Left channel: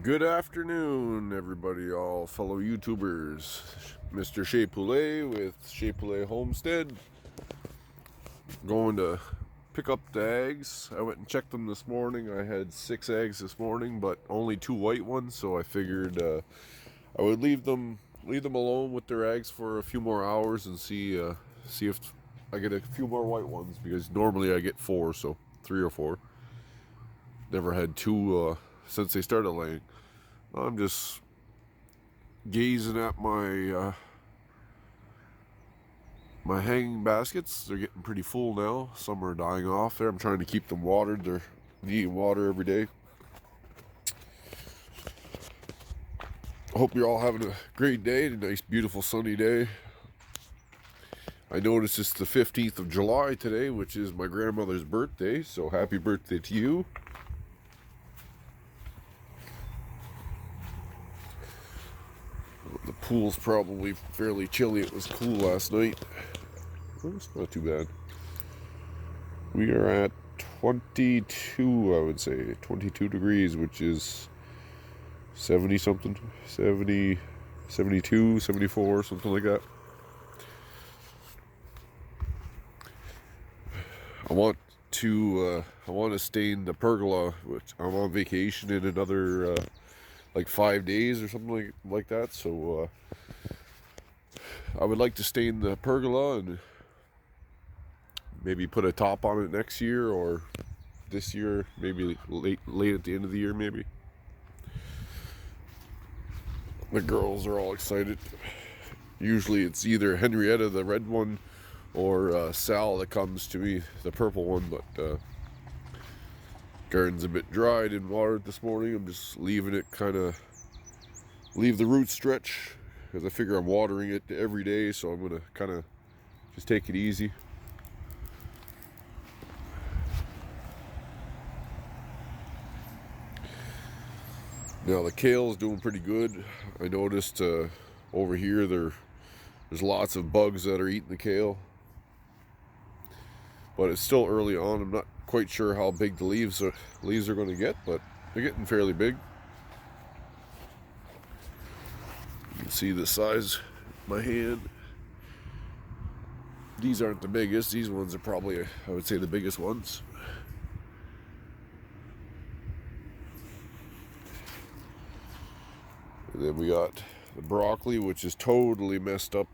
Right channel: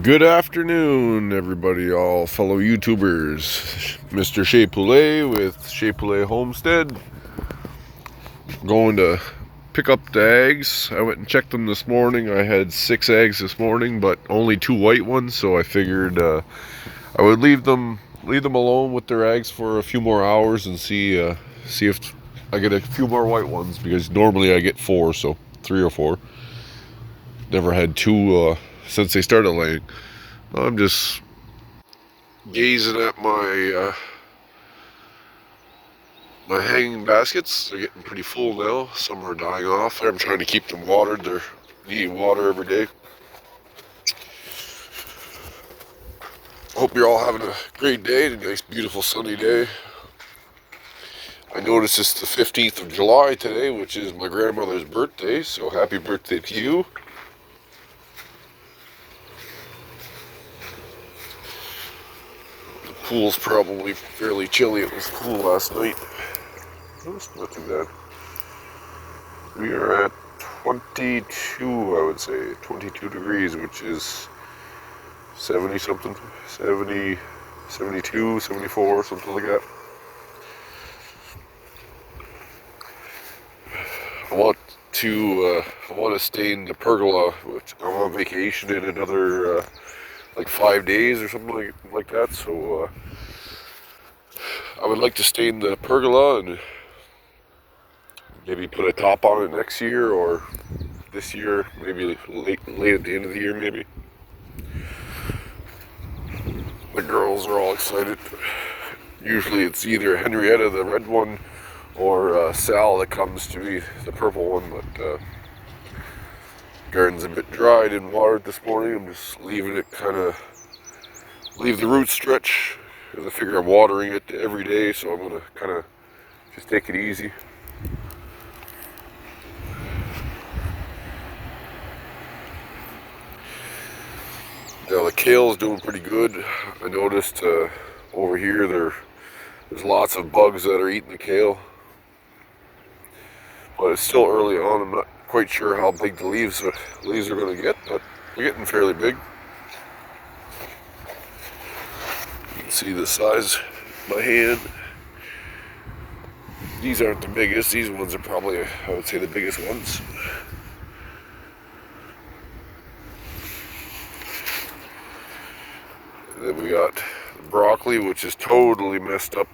Good afternoon, everybody, all fellow YouTubers. Mr. Chez Poulet with Chez Poulet Homestead. Going to pick up the eggs. I went and checked them this morning. I had 6 eggs this morning, but only 2 white ones, so I figured I would leave them alone with their eggs for a few more hours and see if I get a few more white ones, because normally I get 4, so 3 or 4. Never had 2 since they started laying. I'm just gazing at my hanging baskets. They're getting pretty full now. Some are dying off. I'm trying to keep them watered. They're needing water every day. I hope you're all having a great day. A nice, beautiful, sunny day. I noticed it's the 15th of July today, which is my grandmother's birthday, so happy birthday to you. The pool's probably fairly chilly. It was cool last night. It's not too bad. We are at 22, I would say, 22 degrees, which is 70 something, 70, 72, 74, something like that. I want to stay in the pergola, which I'm on vacation in another like 5 days or something like that. So I would like to stay in the pergola and maybe put a top on it next year, or this year, maybe late at the end of the year, maybe. The girls are all excited. Usually it's either Henrietta, the red one, or Sal that comes to me, the purple one, but garden's a bit dry. I didn't water it this morning. I'm just leaving it leave the roots stretch, because I figure I'm watering it every day, so I'm going to kind of just take it easy. Now the kale's doing pretty good. I noticed over here there's lots of bugs that are eating the kale. But it's still early on. I'm not quite sure how big the leaves are going to get, but they're getting fairly big. You can see the size of my hand. These aren't the biggest. These ones are probably, I would say, the biggest ones. And then we got the broccoli, which is totally messed up.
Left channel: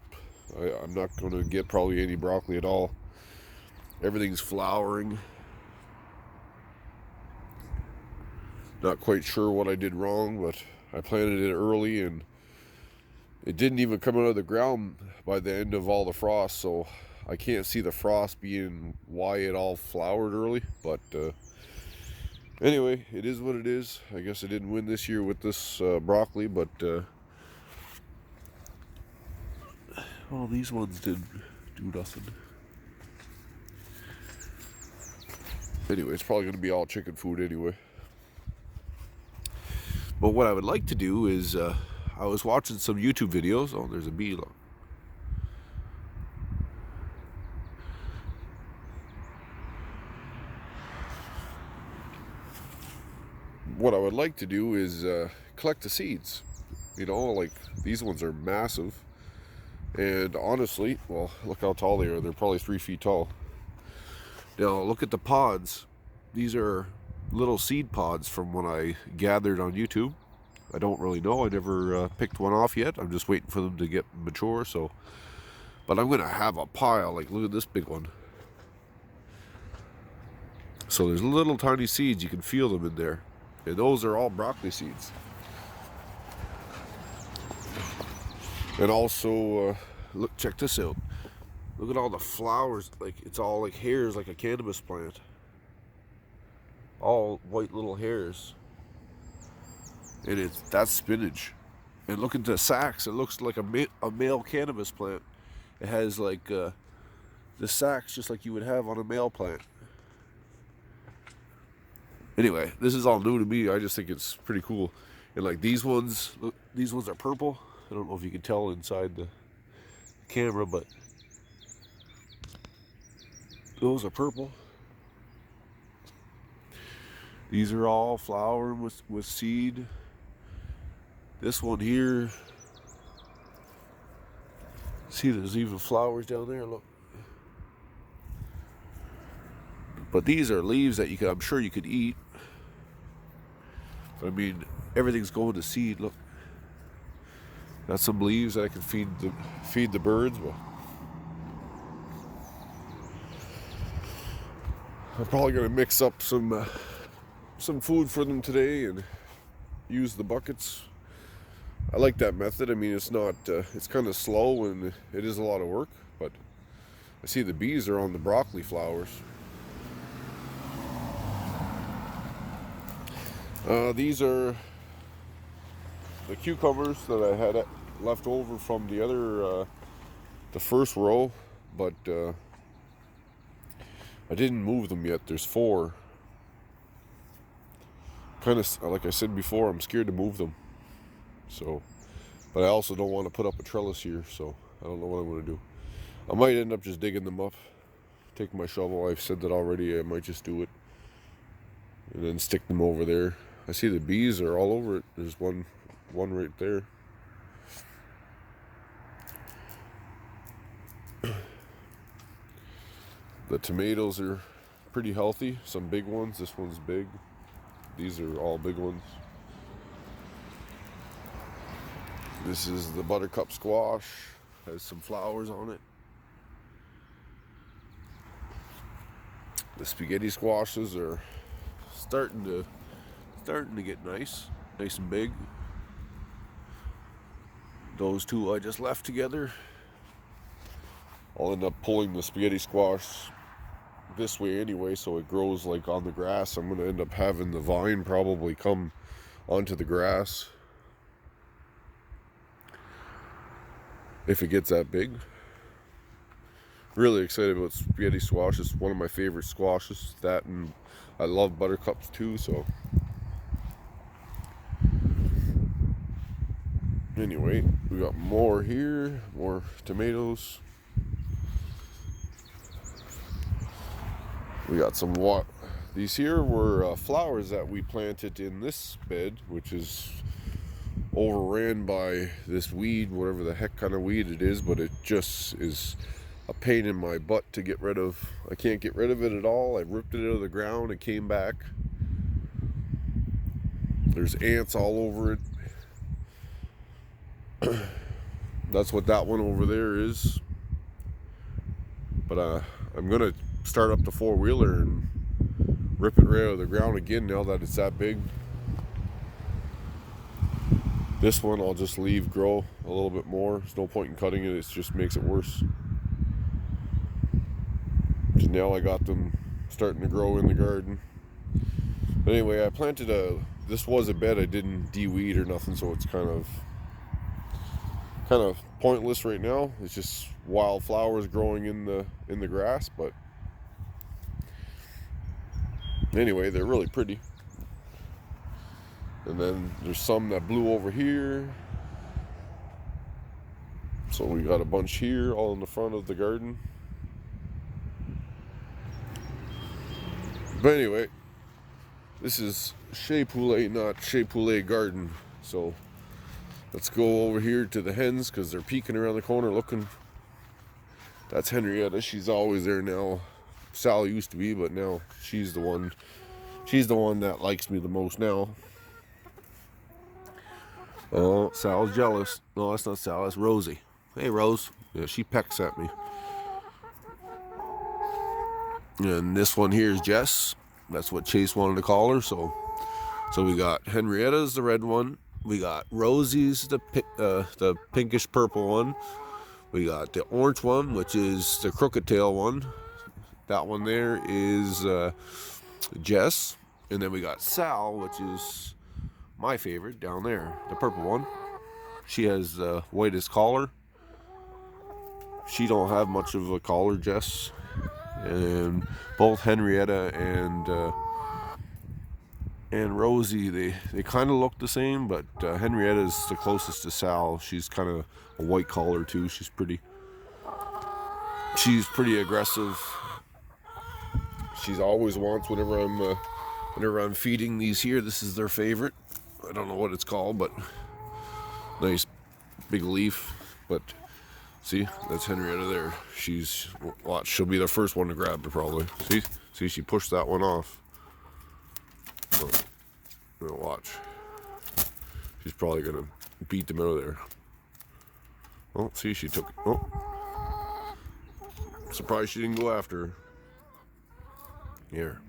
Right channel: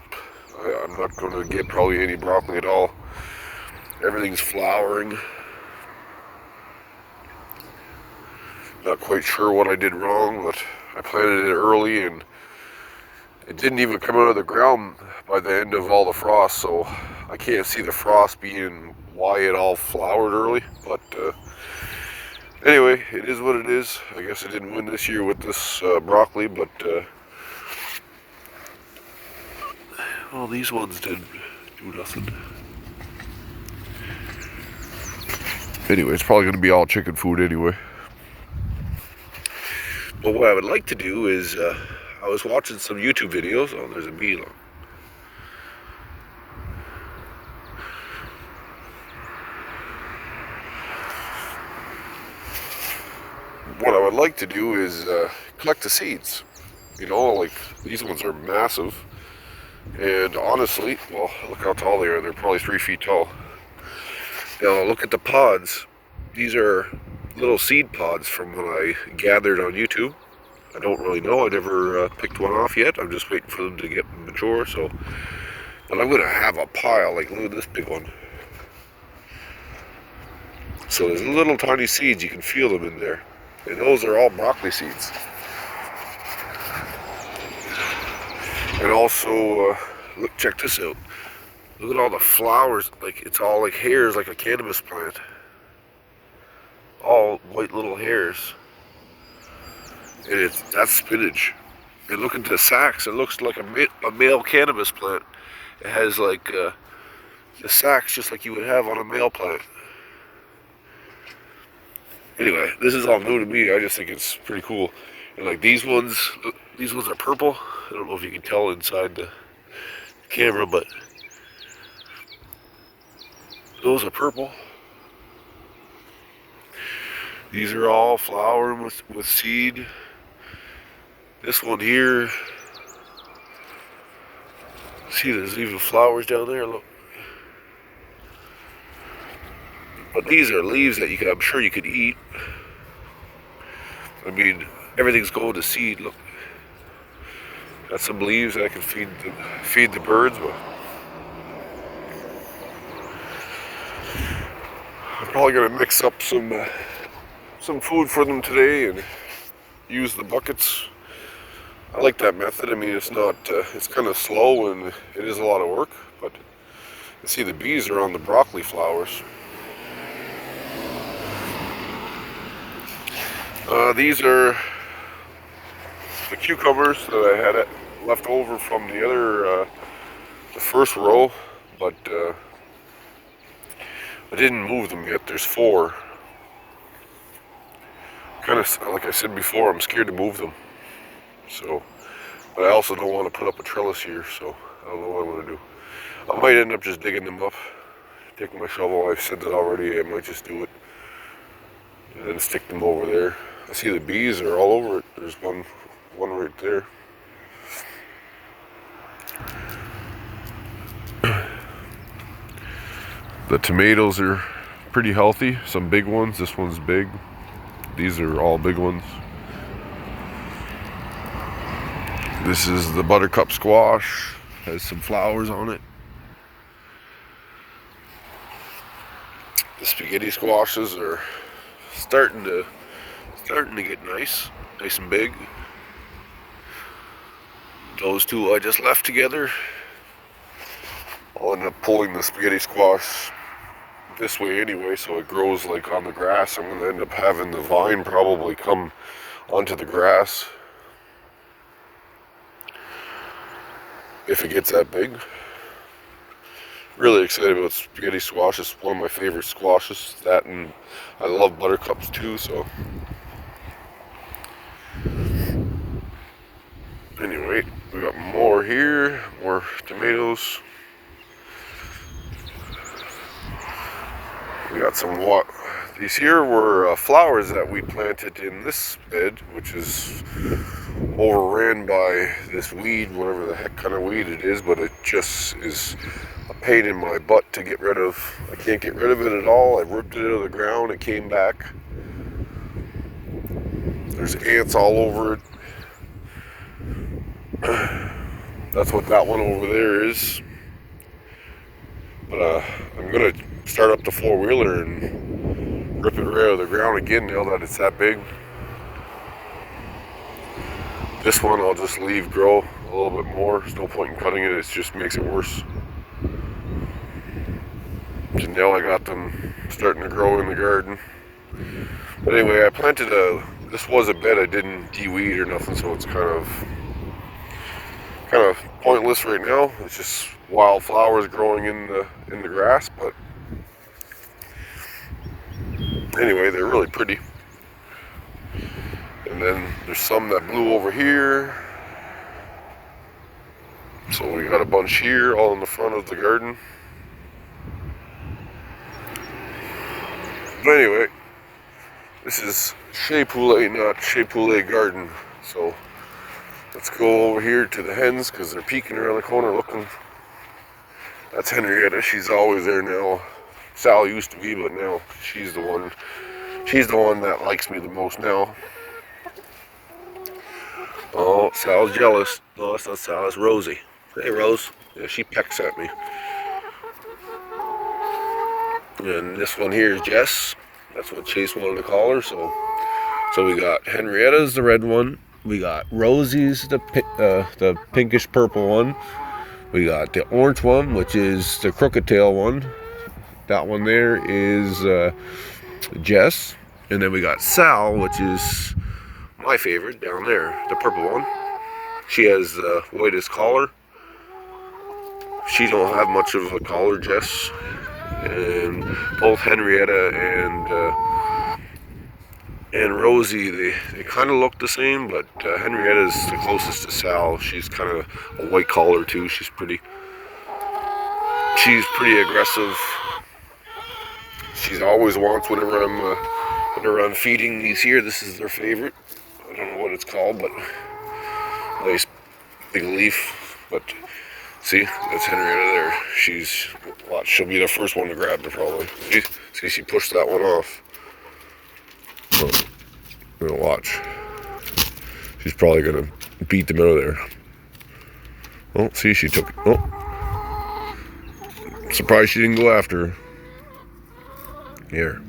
I'm not going to get probably any broccoli at all. Everything's flowering. Not quite sure what I did wrong, but I planted it early and it didn't even come out of the ground by the end of all the frost, so I can't see the frost being why it all flowered early. But anyway, it is what it is. I guess I didn't win this year with this broccoli, but well, these ones did do nothing. Anyway, it's probably going to be all chicken food anyway. But what I would like to do is, I was watching some YouTube videos. Oh, there's a bee. What I would like to do is collect the seeds. You know, like these ones are massive. And honestly, well, look how tall they are. They're probably 3 feet tall. Now, look at the pods. These are little seed pods from when I gathered on YouTube. I don't really know. I never picked one off yet. I'm just waiting for them to get mature. So, but I'm going to have a pile. Like, look at this big one. So there's little tiny seeds. You can feel them in there. And those are all broccoli seeds. And also, look, check this out. Look at all the flowers. Like, it's all like hairs, like a cannabis plant. All white little hairs. And that's spinach. And look at the sacks. It looks like a male cannabis plant. It has like the sacks just like you would have on a male plant. Anyway, this is all new to me. I just think it's pretty cool. And like these ones are purple. I don't know if you can tell inside the camera, but those are purple. These are all flowering with seed. This one here, see there's even flowers down there, look. But these are leaves that I'm sure you could eat. I mean, everything's going to seed, look. Got some leaves that I can feed the birds, but I'm probably gonna mix up some food for them today and use the buckets. I like that method. I mean, it's not, it's kind of slow and it is a lot of work, but you see the bees are on the broccoli flowers. These are the cucumbers that I had left over from the other, the first row, but I didn't move them yet. There's 4. Kind of, like I said before, I'm scared to move them. So, but I also don't want to put up a trellis here, so I don't know what I'm going to do. I might end up just digging them up, taking my shovel. I've said that already. I might just do it and then stick them over there. I see the bees are all over it. There's one right there. The tomatoes are pretty healthy. Some big ones. This one's big. These are all big ones. This is the buttercup squash. Has some flowers on it. The spaghetti squashes are starting to get nice and big. Those two I just left together. I'll end up pulling the spaghetti squash this way anyway, so it grows like on the grass. I'm gonna end up having the vine probably come onto the grass if it gets that big. Really excited about spaghetti squash. It's one of my favorite squashes. That, and I love buttercups too, so anyway, we got more here, more tomatoes. We got some these here were flowers that we planted in this bed, which is overran by this weed, whatever the heck kind of weed it is, but it just is a pain in my butt to get rid of. I can't get rid of it at all. I ripped it out of the ground, it came back. There's ants all over it. That's what that one over there is. But I'm gonna start up the 4-wheeler and rip it right out of the ground again now that it's that big. This one I'll just leave grow a little bit more. There's no point in cutting it, it just makes it worse. So now I got them starting to grow in the garden. But anyway, I planted this was a bed, I didn't de-weed or nothing, so it's kind of pointless right now. It's just wild flowers growing in the grass, but anyway, they're really pretty. And then there's some that blew over here. So we got a bunch here, all in the front of the garden. But anyway, this is Chez Poulet, not Chez Poulet Garden. So let's go over here to the hens because they're peeking around the corner looking. That's Henrietta. She's always there now. Sal used to be, but now she's the one. She's the one that likes me the most now. Oh, Sal's jealous. No, that's not Sal. That's Rosie. Hey, Rose. Yeah, she pecks at me. And this one here is Jess. That's what Chase wanted to call her. So we got Henrietta's the red one. We got Rosie's the pinkish purple one. We got the orange one, which is the crooked tail one. That one there is Jess. And then we got Sal, which is my favorite down there, the purple one. She has the whitest collar. She don't have much of a collar, Jess. And both Henrietta and Rosie, they kind of look the same, but Henrietta's the closest to Sal. She's kind of a white collar too. She's pretty aggressive. She always wants whenever I'm feeding these here. This is their favorite. I don't know what it's called, but Nice big leaf, but see, that's Henrietta there. Watch, she'll be the first one to grab it probably. See, she pushed that one off. So, watch. She's probably gonna beat them out of there. Oh, see, she took it. Oh, surprised she didn't go after her. Here.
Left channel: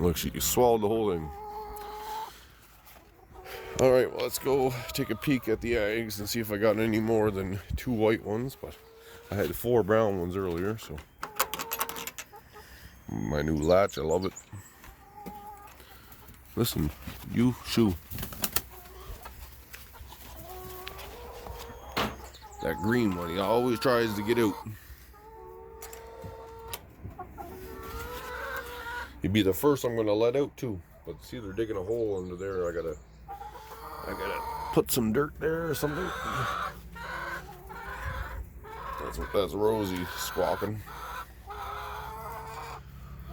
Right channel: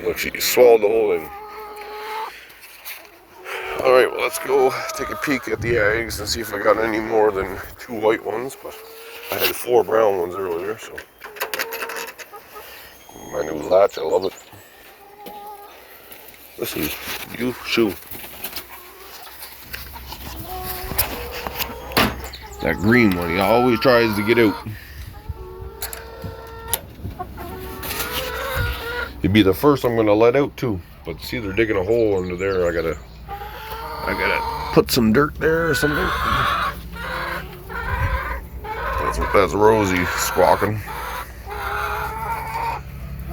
Look, she swallowed the whole thing. Alright, well, let's go take a peek at the eggs and see if I got any more than 2 white ones, but I had 4 brown ones earlier, so. My new latch, I love it. Listen, you shoo. That green one, he always tries to get out. He'd be the first I'm gonna let out too. But see, they're digging a hole under there. I gotta put some dirt there or something. That's Rosie squawking.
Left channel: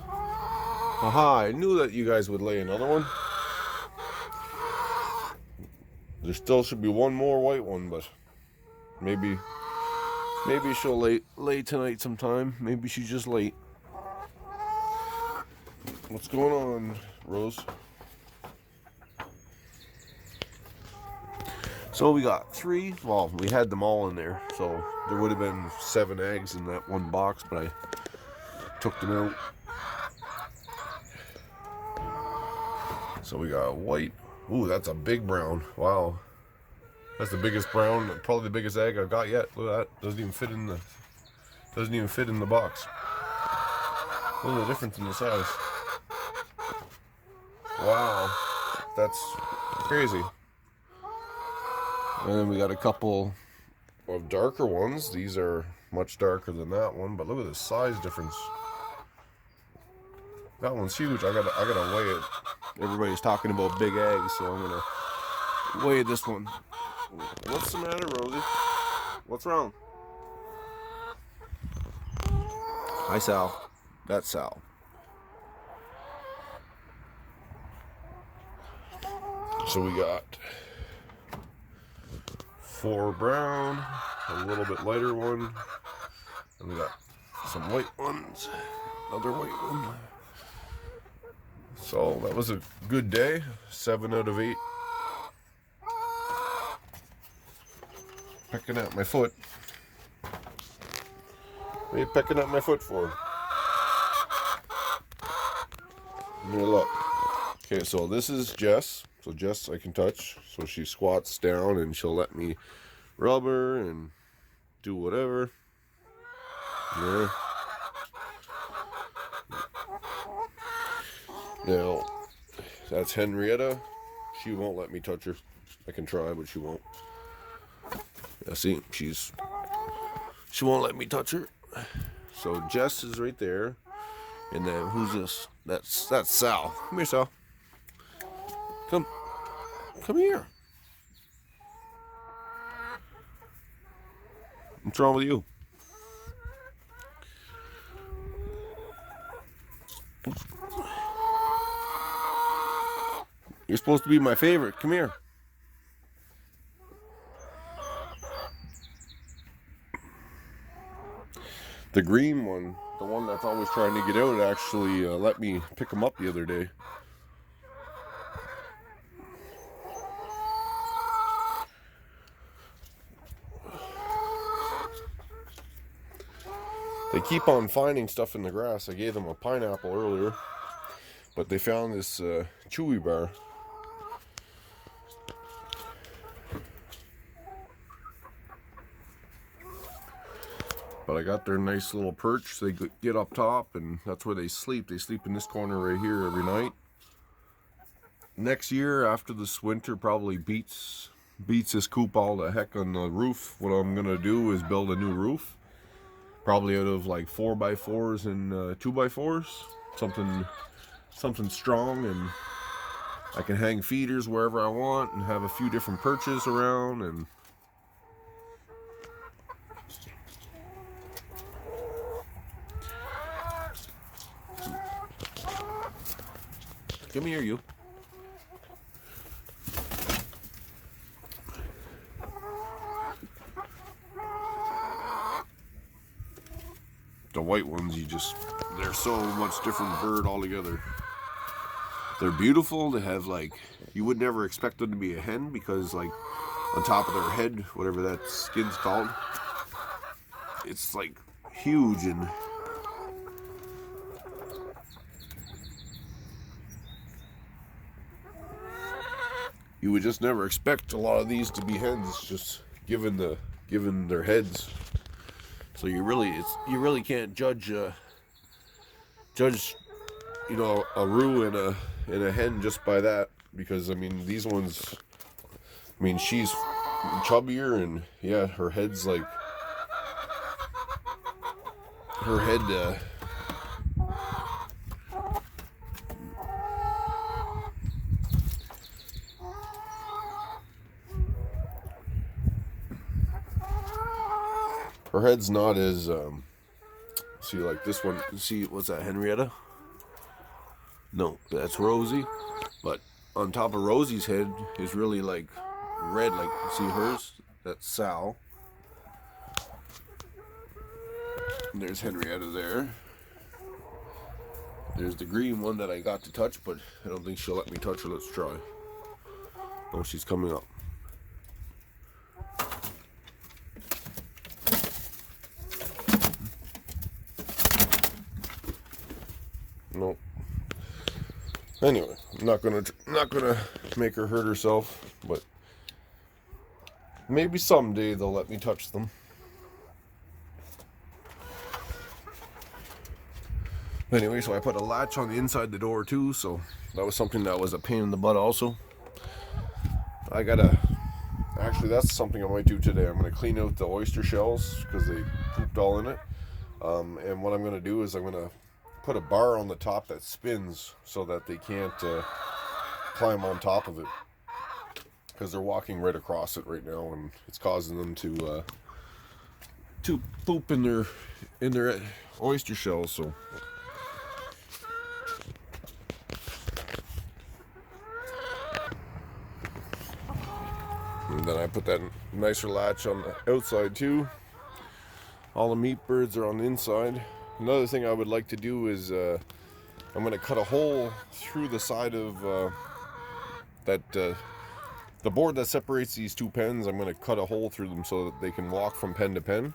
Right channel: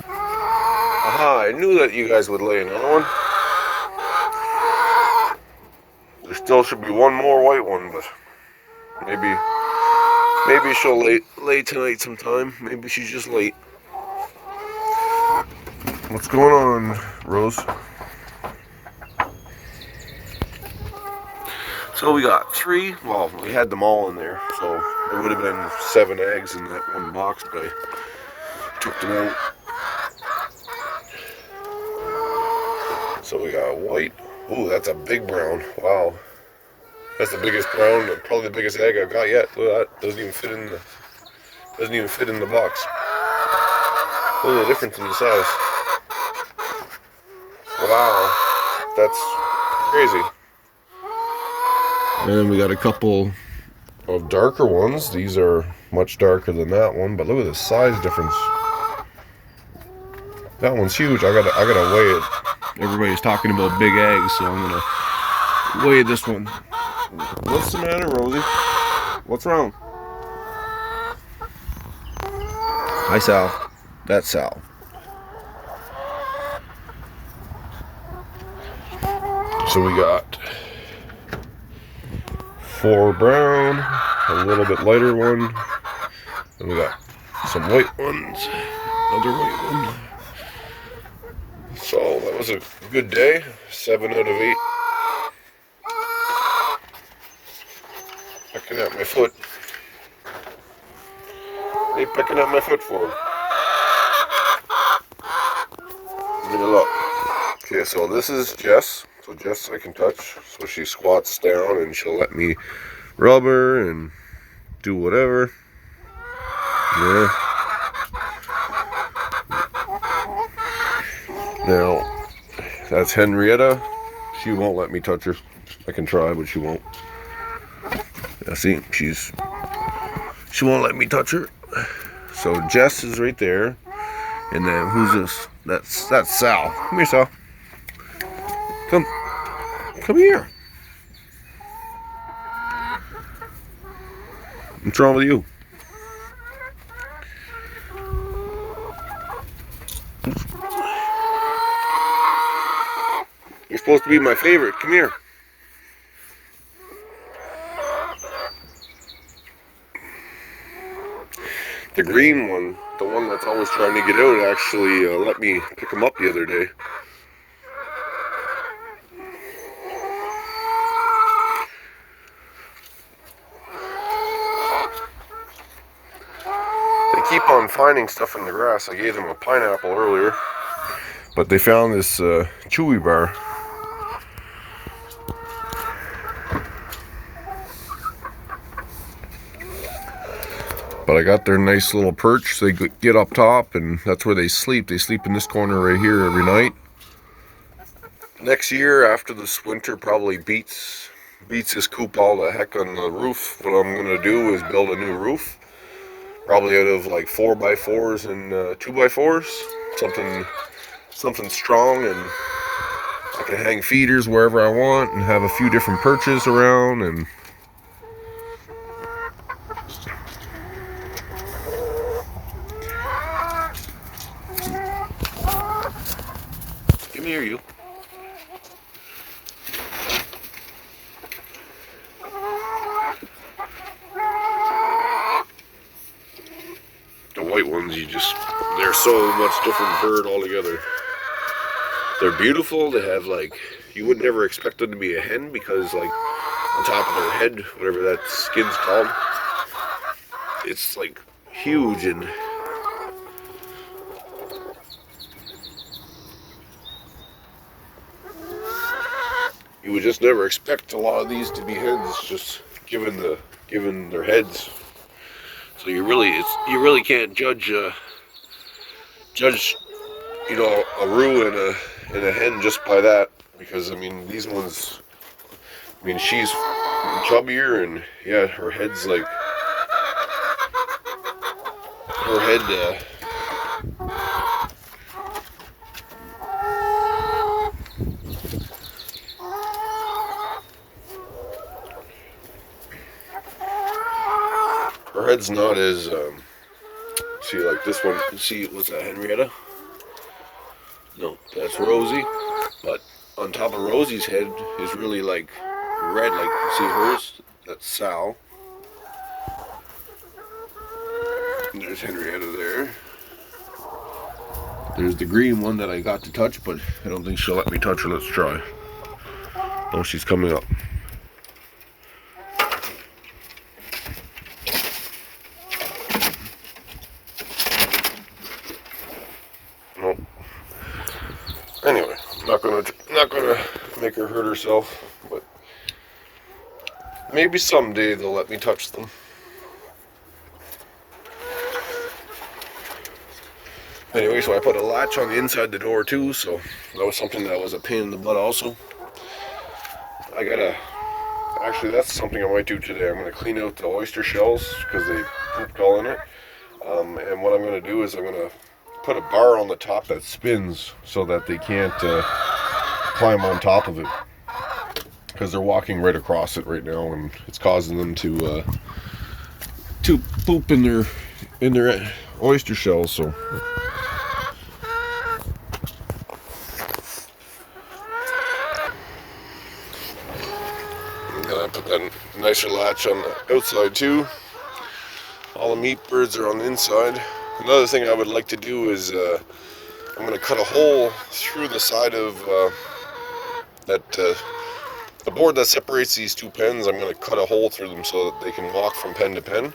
Aha, I knew that you guys would lay another one. There still should be one more white one, but maybe she'll lay tonight sometime. Maybe she's just late. What's going on, Rose? So we got 3, well, we had them all in there, so there would have been 7 eggs in that one box, but I took them out. So we got white. Ooh, that's a big brown. Wow. That's the biggest brown, probably the biggest egg I've got yet. Look at that. Doesn't even fit in the box. Look at the difference in the size. Wow. That's crazy. And then we got a couple of darker ones. These are much darker than that one, but look at the size difference. That one's huge. I gotta weigh it. Everybody's talking about big eggs, so I'm gonna weigh this one. What's the matter, Rosie? What's wrong? Hi, Sal. That's Sal. So we got 4 brown, a little bit lighter one, and we got some white ones, another white one. So that was a good day, 7 out of 8. Pecking at my foot. What are you pecking at my foot for? Give me a look. Okay, so this is Jess. So Jess I can touch. So she squats down and she'll let me rub her and do whatever. Yeah. Now, that's Henrietta. She won't let me touch her. I can try, but she won't. Yeah, see, she won't let me touch her. So Jess is right there. And then who's this? That's Sal. Come here, Sal. Come here. What's wrong with you? You're supposed to be my favorite. Come here. The green one, the one that's always trying to get out, actually let me pick him up the other day. They keep on finding stuff in the grass. I gave them a pineapple earlier, but they found this chewy bar. But I got their nice little perch. They get up top, and that's where they sleep. They sleep in this corner right here every night. Next year, after this winter probably beats this coop all the heck on the roof, what I'm gonna do is build a new roof. Probably out of like 4x4s and 2x4s. Something strong, and I can hang feeders wherever I want and have a few different perches around. And come here, you. white ones, they're so much different bird altogether. They're beautiful. They have like, you would never expect them to be a hen because like on top of their head, whatever that skin's called, it's like huge, and you would just never expect a lot of these to be hens, just given their heads. So you really can't judge a roux and a hen just by that, because I mean these ones, I mean she's chubbier, and yeah, her head's like her head. Her head's not as see, like this one. See, what's that, Henrietta? No, that's Rosie. But on top of Rosie's head is really like red. Like, see hers? That's Sal. And there's Henrietta there. There's the green one that I got to touch, but I don't think she'll let me touch her. Let's try. Oh, she's coming up. Nope. Anyway, I'm not gonna make her hurt herself, but maybe someday they'll let me touch them. Anyway, so I put a latch on the inside the door too, so that was something that was a pain in the butt also. Actually that's something I might do today. I'm gonna clean out the oyster shells because they pooped all in it. And what I'm gonna do is I'm gonna put a bar on the top that spins so that they can't climb on top of it, because they're walking right across it right now, and it's causing them to poop in their oyster shells. So and then I put that nicer latch on the outside too. All the meat birds are on the inside. Another thing I would like to do is I'm going to cut a hole through the side of the board that separates these two pens. I'm going to cut a hole through them so that they can walk from pen to pen.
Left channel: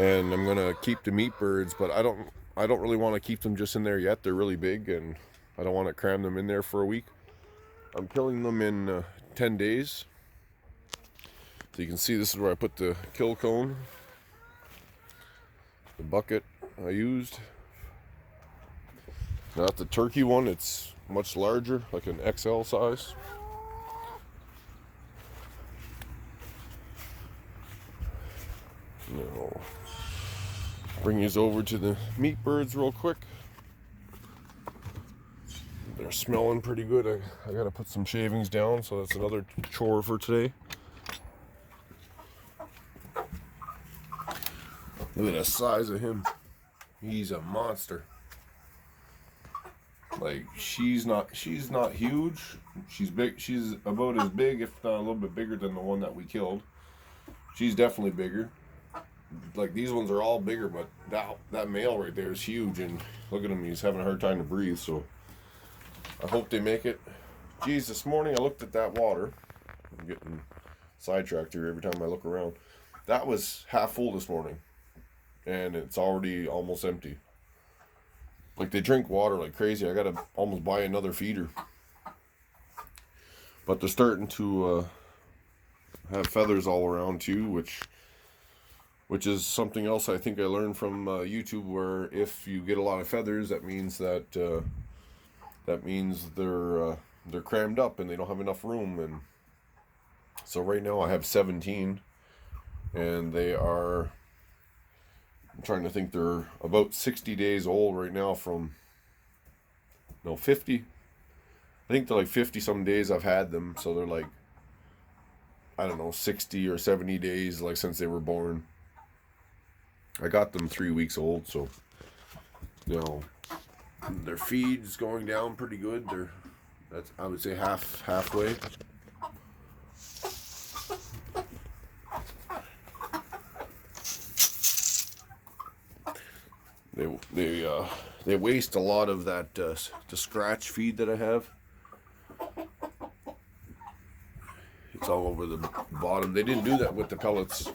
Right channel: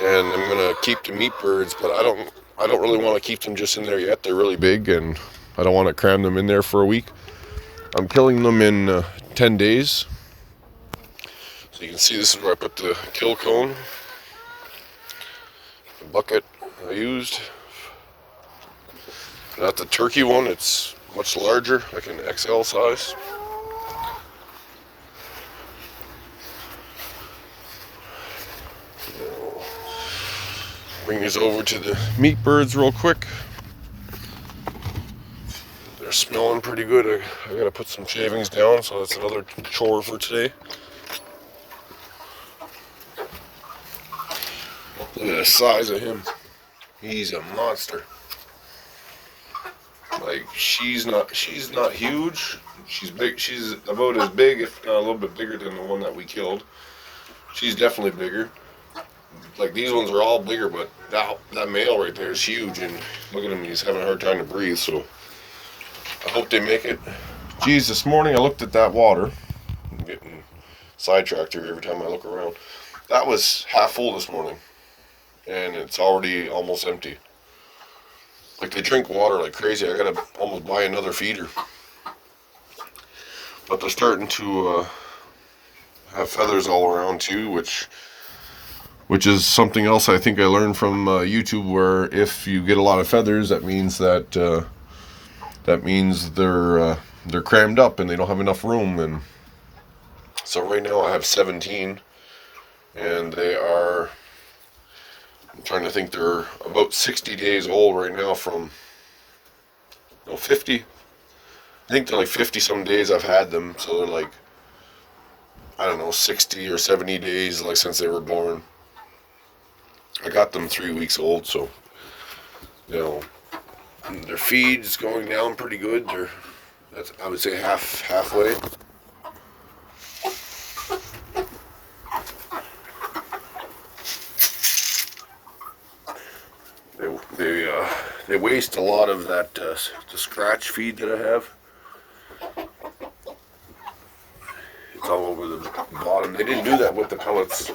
And I'm going to keep the meat birds, but I don't really want to keep them just in there yet. They're really big, and I don't want to cram them in there for a week. I'm killing them in 10 days. So you can see this is where I put the kill cone. The bucket I used. Not the turkey one, it's much larger, like an XL size. Now, bring these over to the meat birds real quick. They're smelling pretty good. I gotta put some shavings down, so that's another chore for today. Look at the size of him. He's a monster. Like, she's not huge. She's big. She's about as big, if not a little bit bigger than the one that we killed. She's definitely bigger. Like, these ones are all bigger, but that male right there is huge, and look at him, he's having a hard time to breathe, so I hope they make it. Geez, this morning I looked at that water. I'm getting sidetracked here every time I look around. That was half full this morning, and it's already almost empty. Like, they drink water like crazy. I gotta almost buy another feeder. But they're starting to have feathers all around too, which is something else I think I learned from YouTube, where if you get a lot of feathers, that means they're crammed up and they don't have enough room. And so right now I have 17, and they are, I'm trying to think, they're about 60 days old right now from, no, 50. I think they're like 50 some days I've had them, so they're like, I don't know, 60 or 70 days, like, since they were born. I got them 3 weeks old, so, you know, their feed's going down pretty good. That's, I would say, halfway. they waste a lot of that the scratch feed that I have. It's all over the bottom. They didn't do that with the pellets.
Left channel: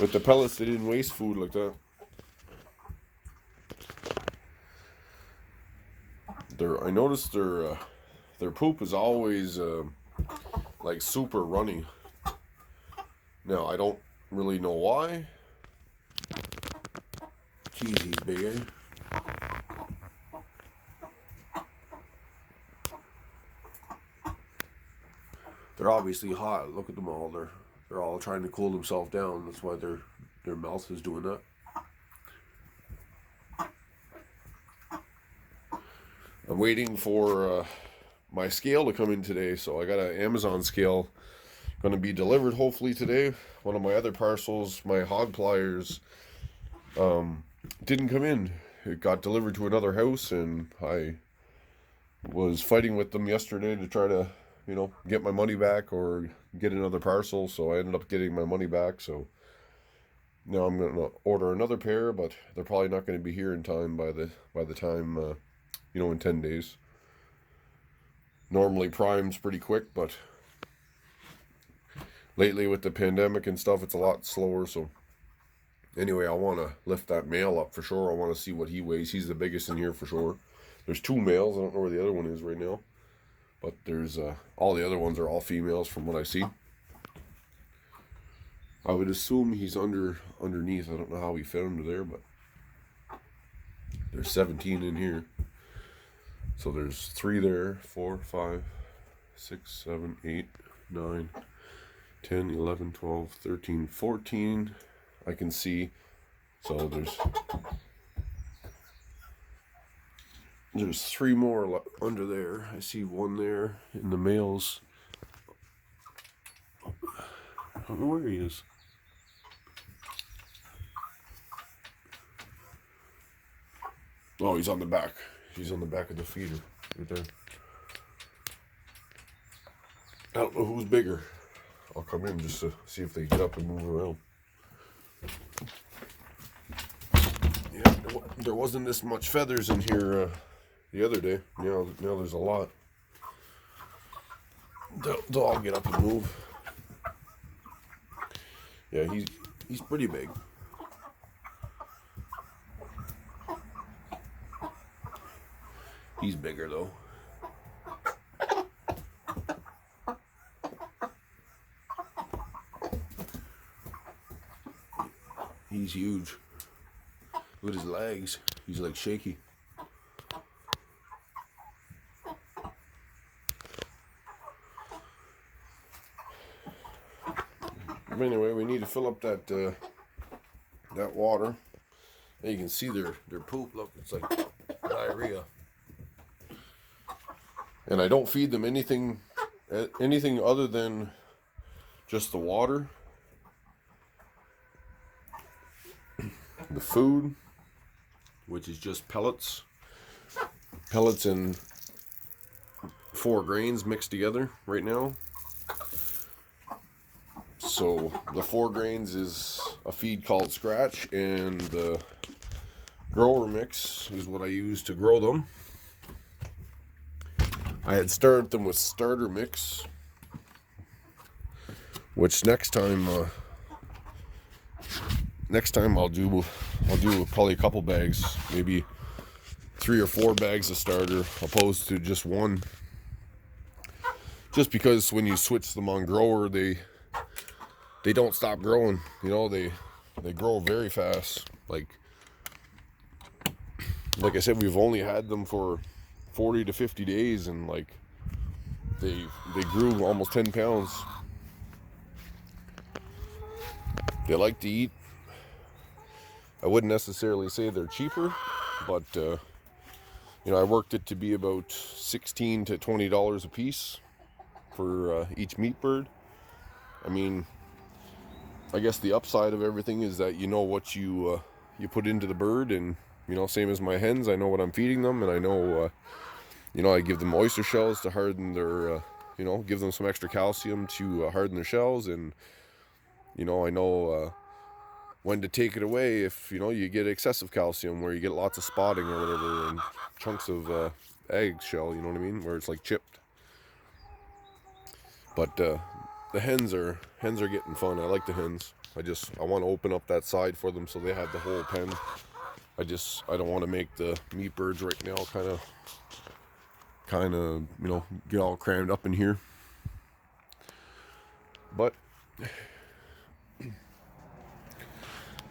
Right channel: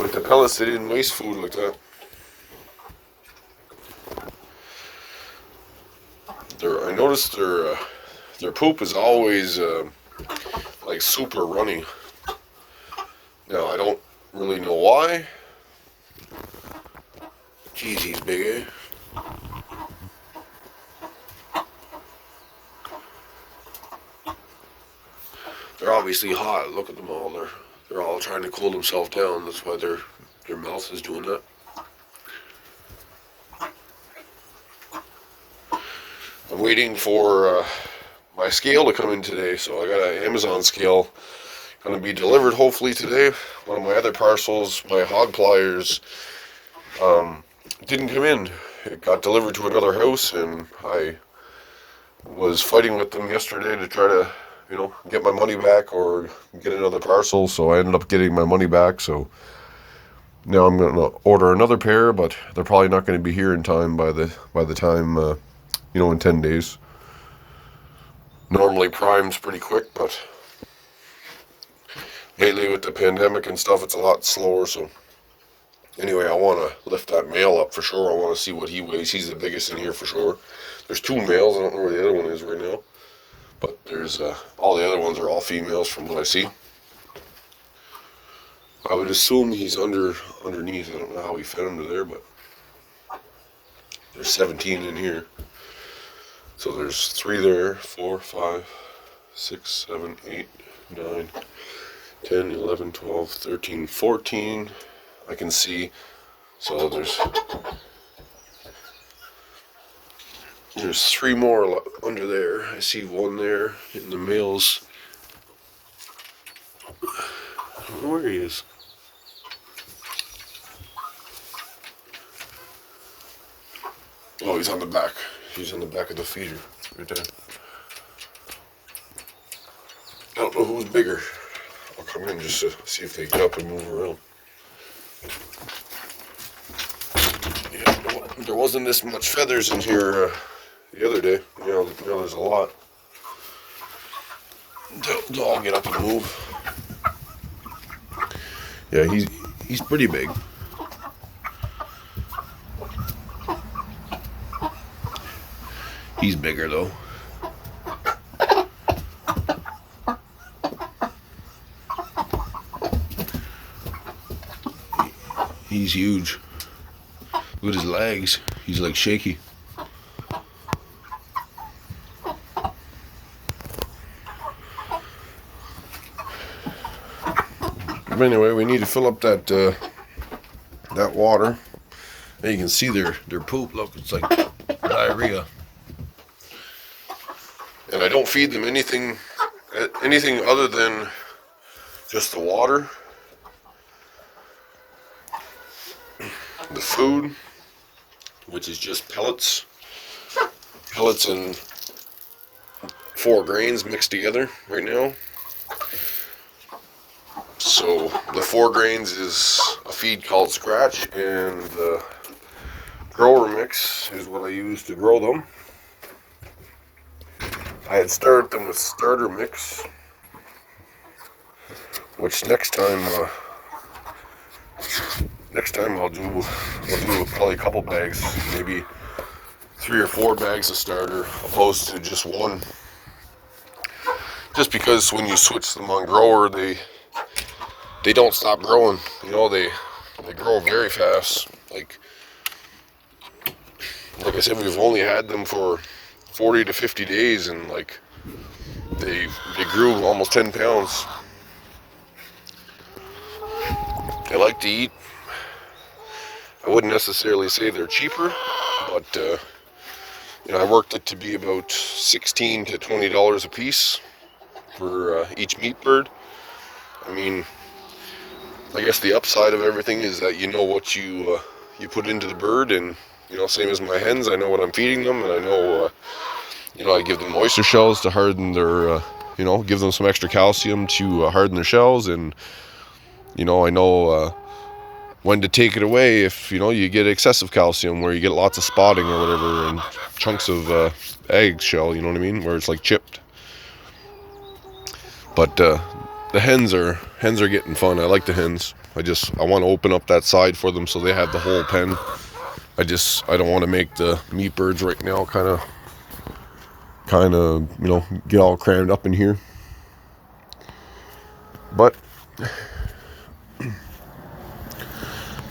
With the pellets, they didn't waste food like that. I noticed their poop is always like super runny. Now I don't really know why. Jeez, he's big, eh? They're obviously hot. Look at them all. They're all trying to cool themselves down. That's why their mouth is doing that. I'm waiting for my scale to come in today, so I got an Amazon scale going to be delivered hopefully today. One of my other parcels, my hog pliers, didn't come in. It got delivered to another house, and I was fighting with them yesterday to try to, get my money back or get another parcel, so I ended up getting my money back. So now I'm going to order another pair, but they're probably not going to be here in time by the time in 10 days. Normally Prime's pretty quick, but lately with the pandemic and stuff, it's a lot slower. So anyway, I want to lift that male up for sure. I want to see what he weighs. He's the biggest in here for sure. There's 2 males. I don't know where the other one is right now, but there's all the other ones are all females from what I see. I would assume he's underneath. I don't know how he fed him to there, but there's 17 in here. So there's 3 there, 4, 5, 6, 7, 8, 9, 10, 11, 12, 13, 14. I can see. So there's 3 more under there. I see 1 there in the males. I don't know where he is. Oh, he's on the back. He's in the back of the feeder, right there. I don't know who's bigger. I'll come in just to see if they get up and move around. Yeah, there wasn't this much feathers in here the other day. Now there's a lot. They'll all get up and move. Yeah, he's pretty big. He's bigger though. He's huge. Look at his legs. He's like shaky. But anyway, we need to fill up that water. And you can see their poop. Look, it's like diarrhea. And I don't feed them anything other than just the water, the food, which is just pellets and 4 grains mixed together right now. So the 4 grains is a feed called Scratch, and the grower mix is what I use to grow them. I had started them with starter mix, which next time I'll do probably a couple bags, maybe 3 or 4 bags of starter, opposed to just 1. Just because when you switch them on grower, they don't stop growing. They grow very fast. Like I said, we've only had them for 40 to 50 days, and like they grew almost 10 pounds. They like to eat. I wouldn't necessarily say they're cheaper, but I worked it to be about $16 to $20 a piece for each meat bird. I mean, I guess the upside of everything is that you know what you put into the bird, and same as my hens, I know what I'm feeding them, and I know I give them oyster shells to harden their give them some extra calcium to harden their shells, and I know when to take it away if you get excessive calcium, where you get lots of spotting or whatever, and chunks of eggshell, you know what I mean, where it's like chipped. But the hens are getting fun. I like the hens. I want to open up that side for them so they have the whole pen. I don't want to make the meat birds right now kind of get all crammed up in here. But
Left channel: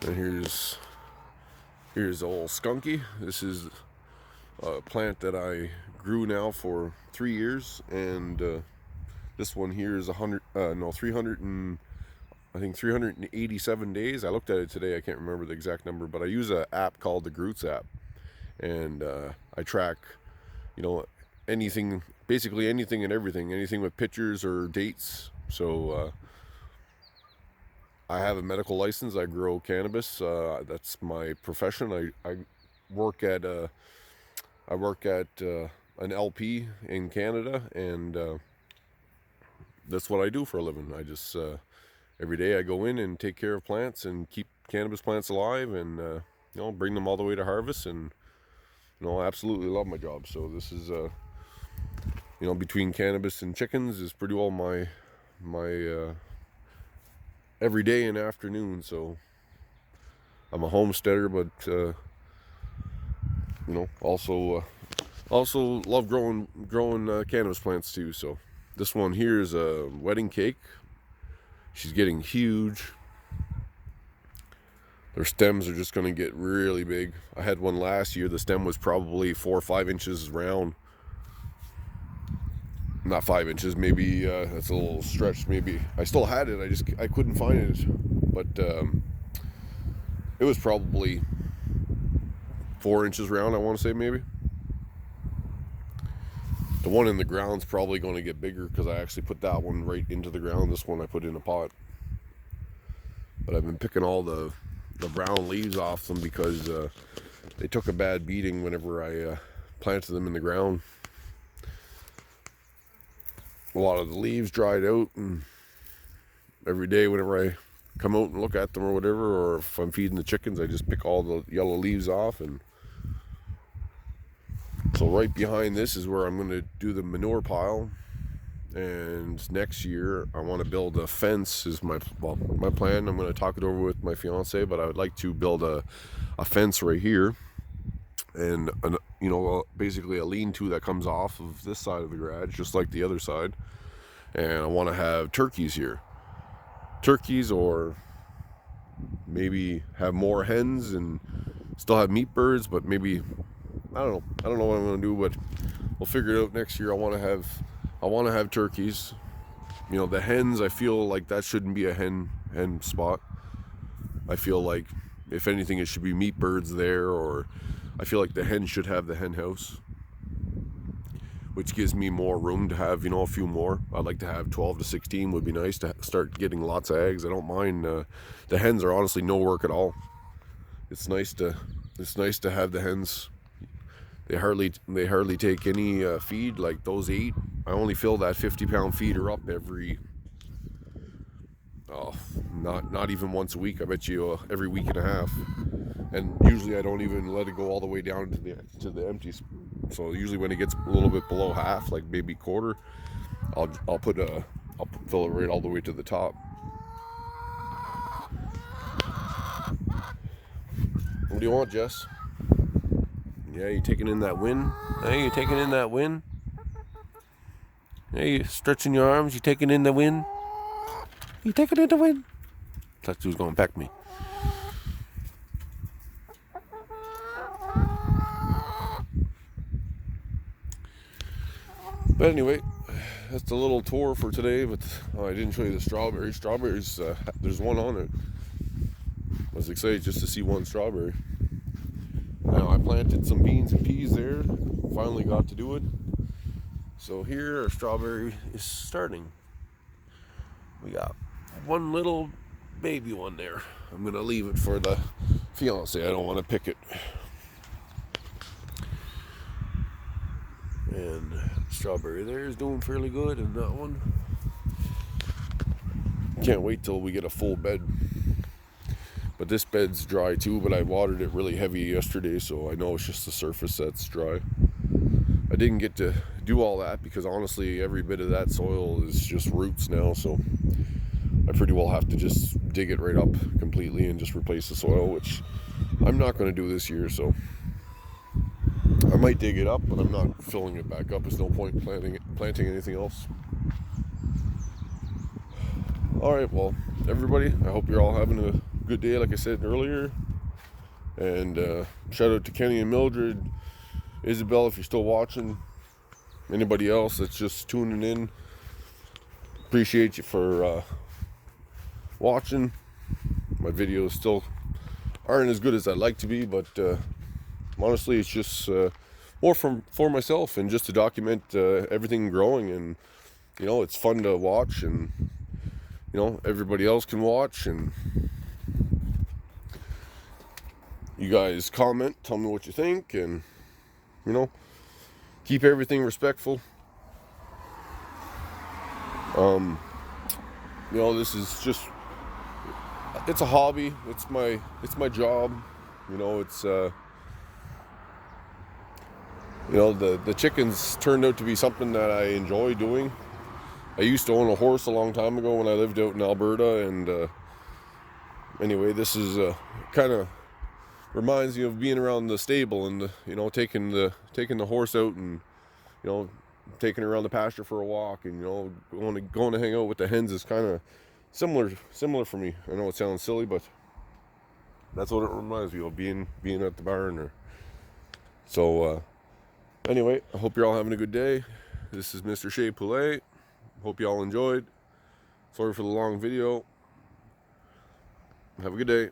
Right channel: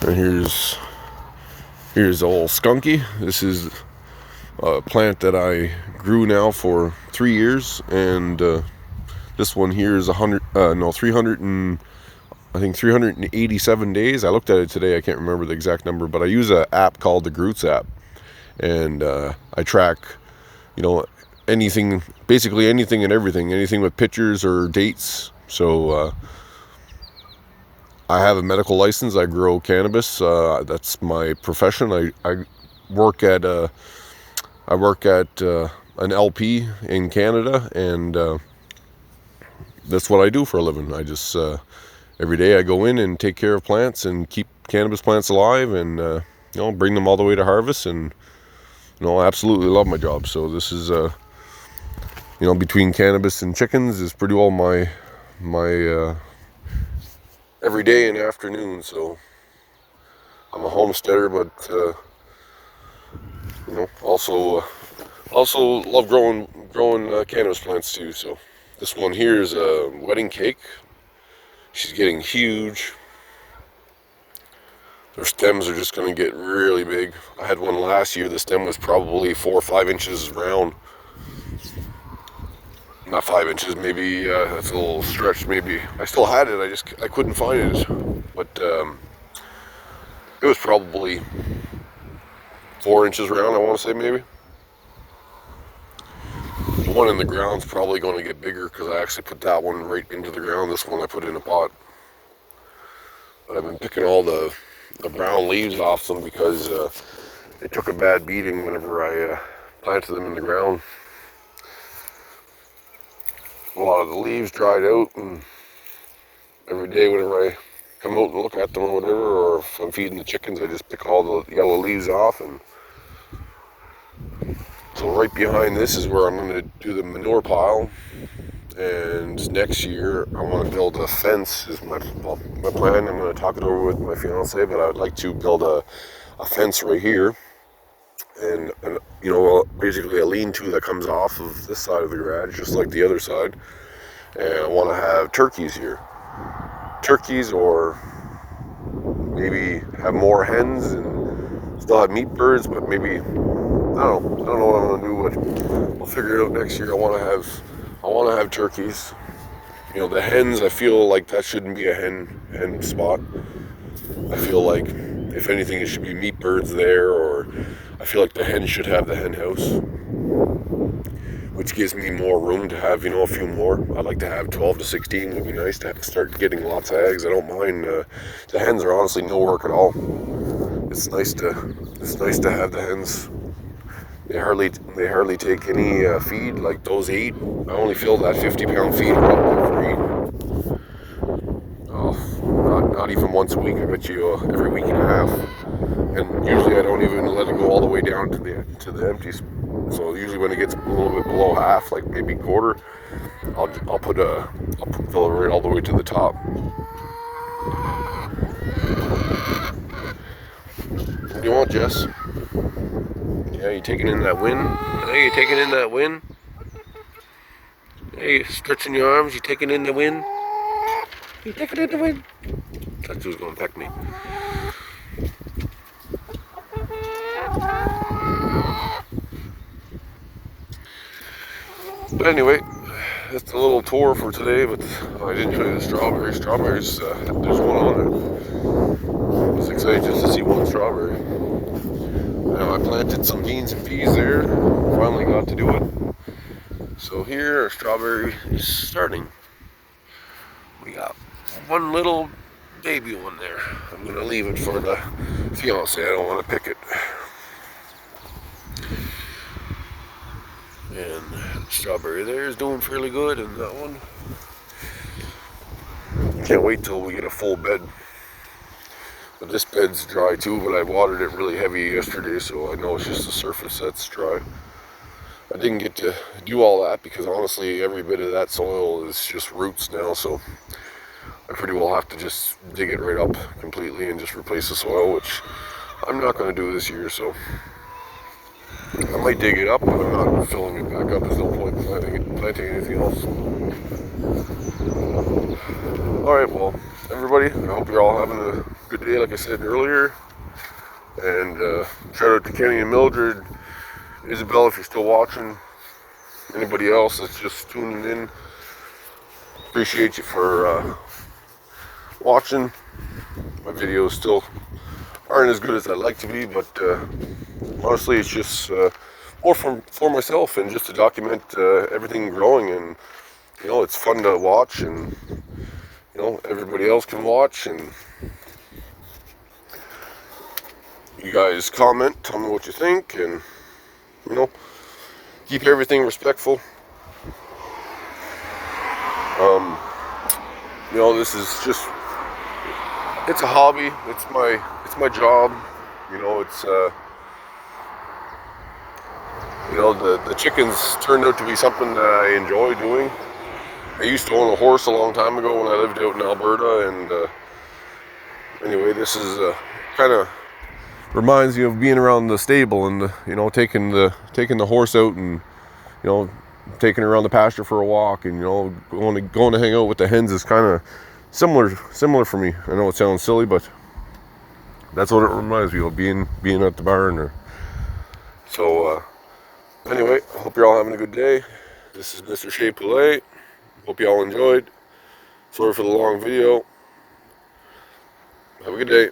and here's old Skunky. This is a plant that I grew now for 3 years, and this one here is 387 days. I looked at it today. I can't remember the exact number, but I use an app called the Groots app, and I track, basically anything and everything, anything with pictures or dates. So I have a medical license. I grow cannabis. That's my profession. I work at an LP in Canada, and that's what I do for a living. I just every day I go in and take care of plants and keep cannabis plants alive, and bring them all the way to harvest. And I absolutely love my job. So this is between cannabis and chickens is pretty well my every day and afternoon. So I'm a homesteader, but also love growing cannabis plants too. So this one here is a wedding cake. She's getting huge. Their stems are just going to get really big. I had one last year. The stem was probably 4 or 5 inches round. Not 5 inches, maybe. That's a little stretched. Maybe I still had it. I couldn't find it, but it was probably 4 inches round. I want to say maybe. The one in the ground's probably going to get bigger because I actually put that one right into the ground. This one I put in a pot. But I've been picking all the brown leaves off them because they took a bad beating whenever I planted them in the ground. A lot of the leaves dried out, and every day whenever I come out and look at them or whatever, or if I'm feeding the chickens, I just pick all the yellow leaves off. And so right behind this is where I'm going to do the manure pile. And next year I want to build a fence. Is my plan. I'm going to talk it over with my fiance, but I would like to build a fence right here, and basically a lean-to that comes off of this side of the garage, just like the other side. And I want to have turkeys here, or maybe have more hens and still have meat birds, but maybe I don't know what I'm going to do, but we'll figure it out next year. I want to have turkeys. The hens, I feel like that shouldn't be a hen spot. I feel like if anything, it should be meat birds there, or I feel like the hen should have the hen house, which gives me more room to have, a few more. I'd like to have 12 to 16 would be nice to start getting lots of eggs. I don't mind. The hens are honestly no work at all. It's nice to have the hens. They hardly take any feed. Like those 8, I only fill that 50-pound feed for 8. Oh, not even once a week. I bet you every week and a half. And usually I don't even let it go all the way down to the empties. So usually when it gets a little bit below half, like maybe quarter, I'll fill it right all the way to the top. What do you want, Jess? Yeah, you taking in that wind? Hey, you taking in that wind? Hey, stretching your arms, you taking in the wind? You taking in the wind? Thought she was gonna peck me. But anyway, that's a little tour for today, but I didn't show you the strawberries. Strawberries, there's one on there. I was excited just to see one strawberry. Now, I planted some beans and peas there. Finally got to do it. So here, our strawberry is starting. We got one little baby one there. I'm going to leave it for the fiance. I don't want to pick it. And strawberry there is doing fairly good, and that one. Can't wait till we get a full bed. But this bed's dry too, but I watered it really heavy yesterday, so I know it's just the surface that's dry. I didn't get to do all that because honestly every bit of that soil is just roots now, so I pretty well have to just dig it right up completely and just replace the soil, which I'm not going to do this year. So I might dig it up, but I'm not filling it back up. There's no point planting anything else. Alright, well, everybody, I hope you're all having a good day, like I said earlier. And shout out to Kenny and Mildred, Isabel, if you're still watching. Anybody else that's just tuning in, appreciate you for watching. My videos still aren't as good as I'd like to be, but honestly, it's just more for myself and just to document everything growing. And you know, it's fun to watch, and you know, everybody else can watch, and you guys comment, tell me what you think, and you know, keep everything respectful. You know, this is just, it's a hobby. It's my job. You know, it's you know, the chickens turned out to be something that I enjoy doing. I used to own a horse a long time ago when I lived out in Alberta, and anyway, this is kind of reminds me of being around the stable and you know, taking the horse out and you know, taking her around the pasture for a walk, and you know, going to hang out with the hens is kind of similar for me. I know it sounds silly, but that's what it reminds me of, being at the barn. So anyway, I hope you're all having a good day. This is Mr. Chez Poulet. Hope you all enjoyed. Sorry for the long video. Have a good day.